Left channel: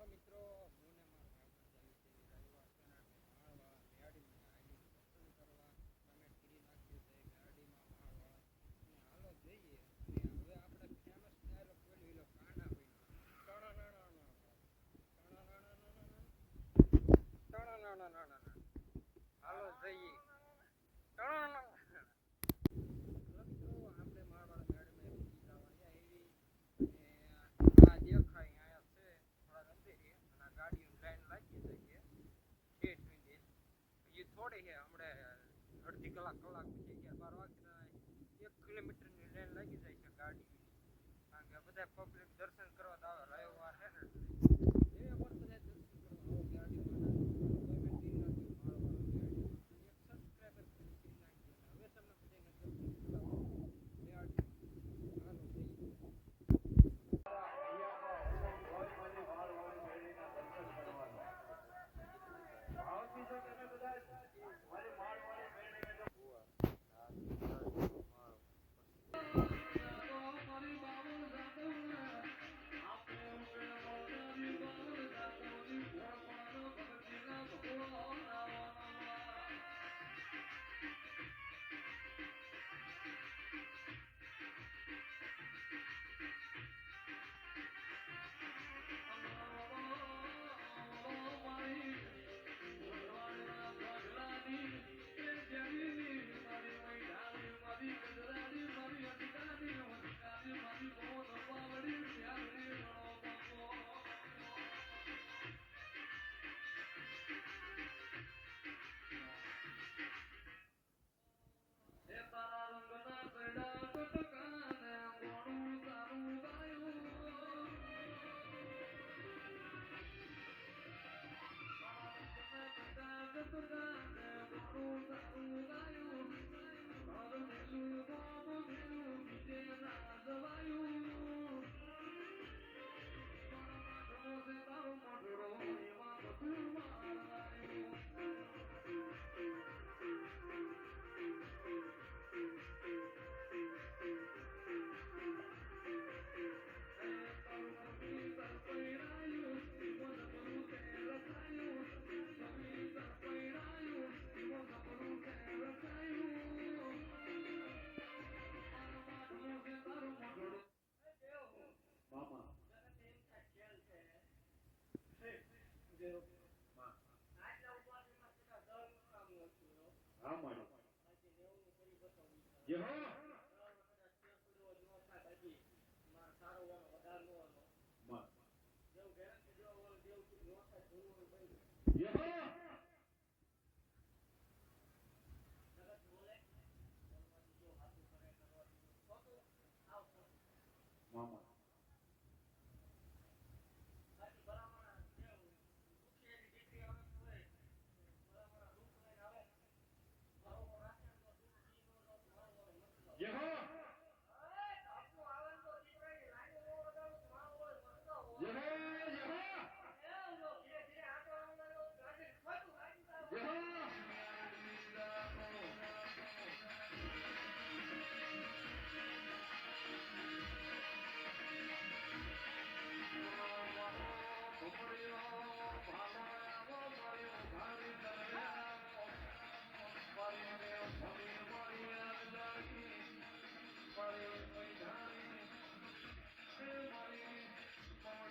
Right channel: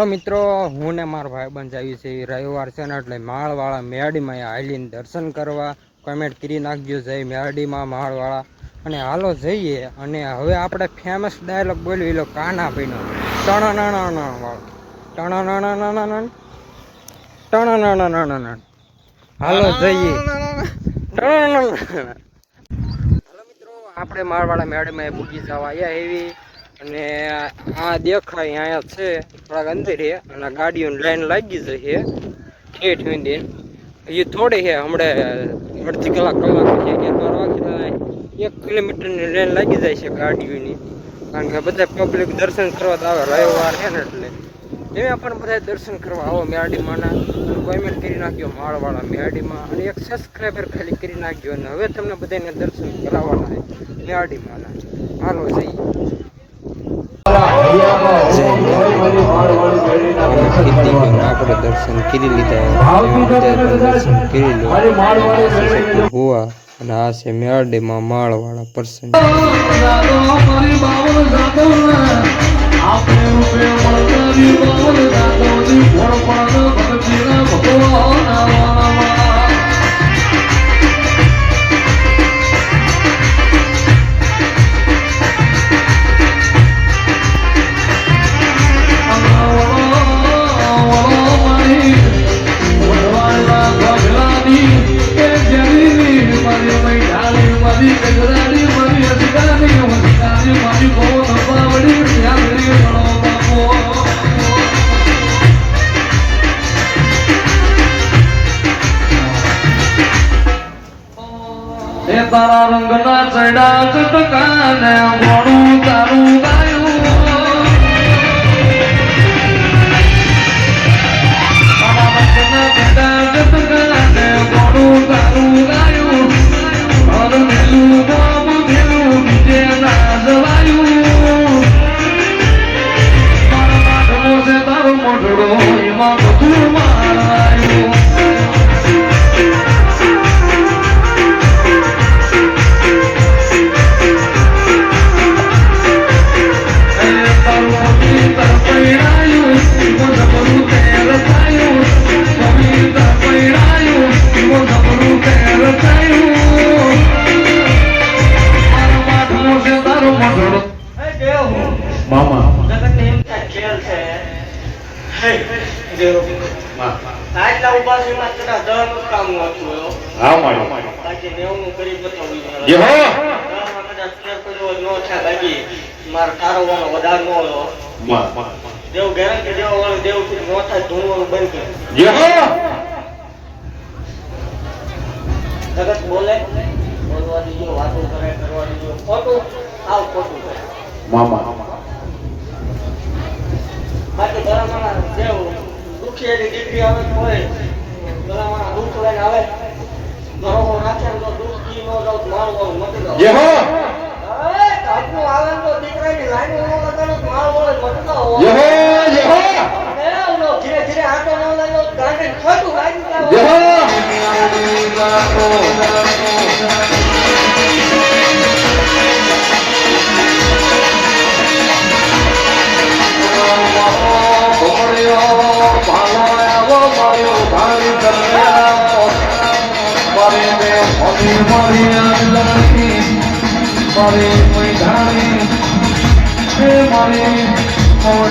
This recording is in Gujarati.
હાલો મિત્રો, હું ને મારો ભાઈ બંધ આવી છે રવિવાર છે ને એટલે માળવાળા મેરડીમાં અહીંયા દર્શન કરવા. કમેન્ટ કરી નાખજો, જય મેરડીમાં માળવાળા. અને હાલો જઈએ, અને હવે આપણે ફેમસ ડાયલોગ બોલ્યો, એલો કાના ભાઈનો. ટણાણાણાણા વાળો ટણાણાણાણાણા ટણાણાણાણાણા હાલો જઈએ. મિત્રો, આપણે માળવાળા મેરડીમાં બુકી જવા આવ્યા એવી. અને આ દેખાય અહીંયા છે, થોડાક અંદર છે અને ગાડીઓની લાઈન લાગી જશે ઠેઠ સુધી એ થોડી છે હમણાં અડધી કલાક કલાક છે અગિયાર વાગે એક કિલોમીટરની લાઈન લાગી જાય છે ગાડીઓની. કારણ કે બધા પબ્લિક દર્શન કરવા તો આવે, રવિવાર છે ને એટલે. એમાં પણ બધા દર્શન કરવા આવો મેરડીમાંના કોમેન્ટ કરી નાખ્યો માળવાળા મેરડીમાં અને એક સબસ્ક્રાઈબર ખાલી કરી નાખ્યો અને હવે તમને બધાને દર્શન કરાવવાના છે મેરડીમાંના હાલો જઈએ. આપણે દર્શન કરી લીધા દર્શન કરી લો હોવા અને આ છે મેરડીમાં માળવાળા પર્સન એ તારા રંગના ચડા ચટકાને મોડું તારું કર્યો હોય ન થાય બાકી મારે તારવવાનો વધારે ન હોય દેવ. ગેરંટી દેવા. વાળું દેવથી થાય ધૂણવાનું બંધ કરે જગત બોલે બોલવા દીજો વાતો કરે કરવાની દીજો ખોટું આવ મામા. બાકી ઘરમાં દેવ દુખી એની દીકરી આવે તો હોય. ઘરમાં દુઃખ લઈને આવે. ઘરોમાં નાખે તો દુઃખ કી ન જાવ મારું મટી જાવ মরে মোর ধারে মরে মোর